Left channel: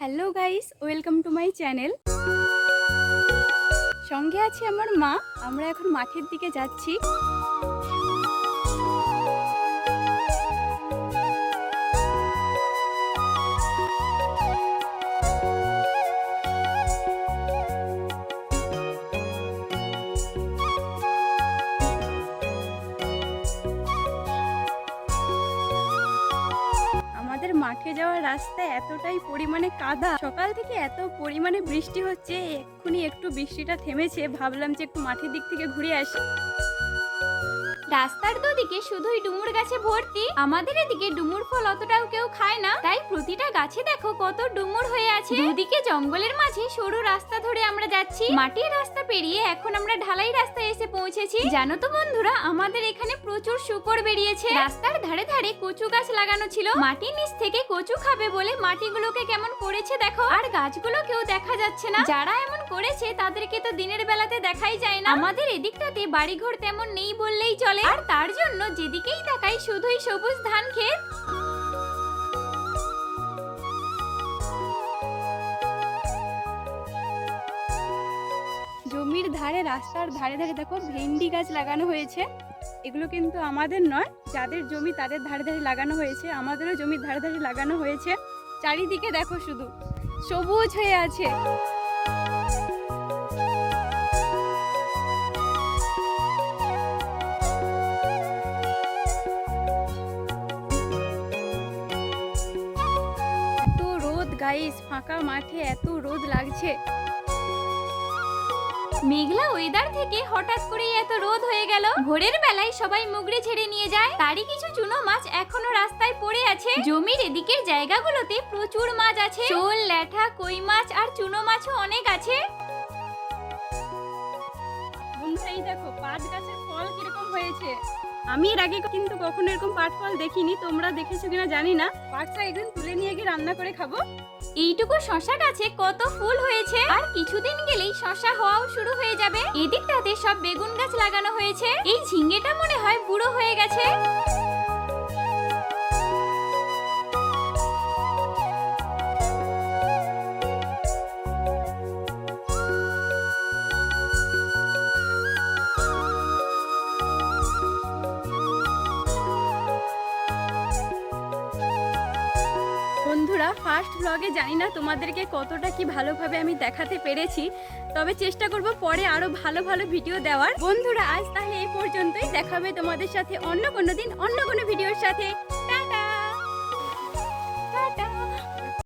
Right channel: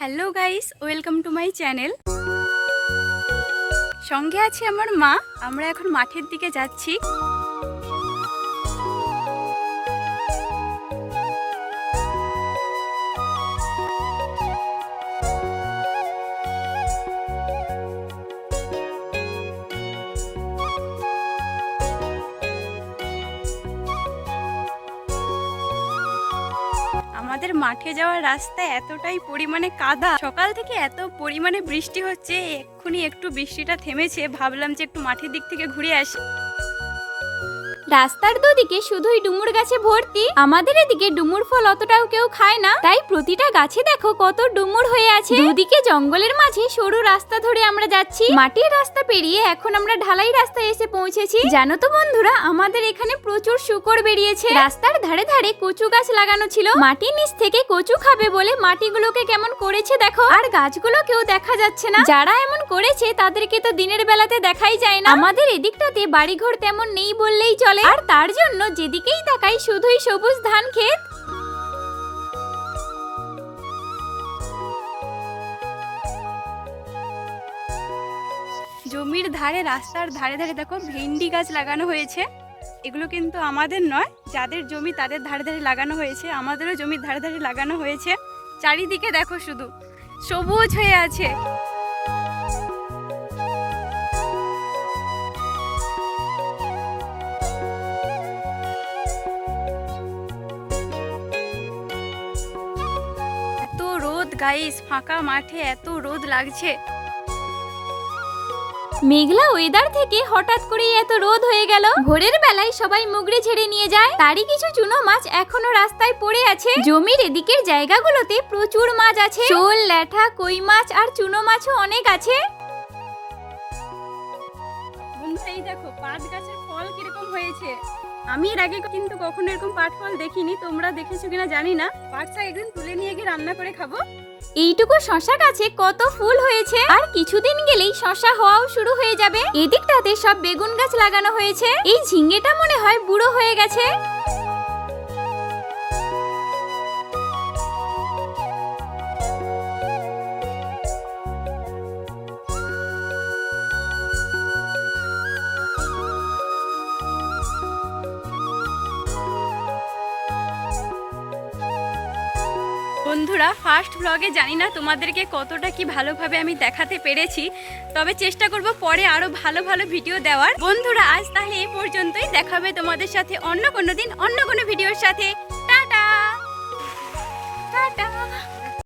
Hello guys, welcome to my channel. সঙ্গে আছে আমার মা। আমরা এখন মাঠের দিকে যাচ্ছি। আমাদের মাঠে যাওয়ার রাস্তায় এতটাই পরিমাণে কাদা, সকাল থেকে এত পরিমাণে বৃষ্টি হচ্ছে। এক্ষুনি একটু বৃষ্টিটা থেমেছে, ভাবলাম যে একটু মাঠের দিক থেকে ঘুরে আসি। রাস্তার দুদিকে শুধুই ডুমুর গাছে ভর্তি। আমাদের এদিকে ডুমুর ফল অতটাও কেউ খায় না, তাই প্রতিটা গাছে দেখো কত ডুমুর হয়ে আছে। দুদিকে জঙ্গলের মাঝে সরু রাস্তা ধরে আমরা যাচ্ছি। মাটির রাস্তা পেরিয়ে এখন আমরা ঢালাই রাস্তায় এসে পৌঁছেছি। জানো তো বন্ধুরা, আমাদের এখানে প্রচুর শুকর বেরিয়েছে। রাস্তার ধারে ধারে কচু গাছ লাগানো ছিল। মাটির নিচ থেকে কচু খাবে বলে মাটিগুলোকে কেমন করেছে দেখো, আর গাছগুলো কেউ দেখা যাচ্ছে না। যারা এমন করেছে তাদেরকে তো দিনের বেলাতে দেখাই যায় না। আমাদের এদিকটাতে বাড়িঘর তেমন নেই বললেই চলে, আর তার জন্য যেদিকেই তাকাই শুধুই সবুজ ধান ক্ষেত। জমির ধারে, রাস্তার ধারে ধারে দেখো ভেন্ডি গাছ লাগানো হয়েছে। এগুলো কিন্তু আমাদের নয়, যাদের জমি তাদের ধারে ধারে লাগানো হয়েছে। আমাদেরও জমির ধারে ধারে লাগানো হয়েছে। চারিদিকে দেখো শুধু সবুজ হয়ে আছে। এত রোদ গাইস, ফাঁকা মাঠে এত রোদ লাগছে। মেঘলা ওয়েদার থেকে হঠাৎ করেই এত রোদ হয়ে গেল। ভোরের বেলায় সবাই মুগড়ে ছেড়ে নিয়ে যায়, তারই কিছু চুনো মাছ এখনো রাস্তায় পড়ে আছে। জমির এদিকের জায়গাগুলোতে প্রচুর মাছ আছে, শোল, ল্যাঠা, কই মাছ আর চুনো মাছও অনেক আছে। বন্ধুরা এই দেখো পাট গাছের ফল কিরকম হয়েছে। আমি এর আগে কিন্তু কখনো এরকম পাট ফল দেখিনি, তোমরা দেখেছো কিনা জানি না। পাট শাক একদিন তুলে নিয়ে গিয়ে রান্না করে খাবো। এইটুকু শশা গাছে কত ফুল হয়েছে, আর কিছুদিন গেলেই শশা হওয়াও শুরু হয়ে যাবে। এদিকটাতে সব বেগুন গাছ লাগানো হয়েছে। এই ঝিঙ্গেটা মনে হয় বুড়ো হয়ে গেছে। বন্ধুরা, ফার্স্ট ব্লগে জানি না তোমাদেরকে কতটা কি ভালোভাবে আমি দেখাতে পেরেছি, তবে চেষ্টা করব পরে আরো ভালো ভালো ভিডিও দেওয়ার। বন্ধুরা আজ তাহলে এই পর্যন্তই, দেখাবে তোমাদের সাথে অন্য কোনো দিন অন্য কোনো ভিডিওর সাথে। Tata tata.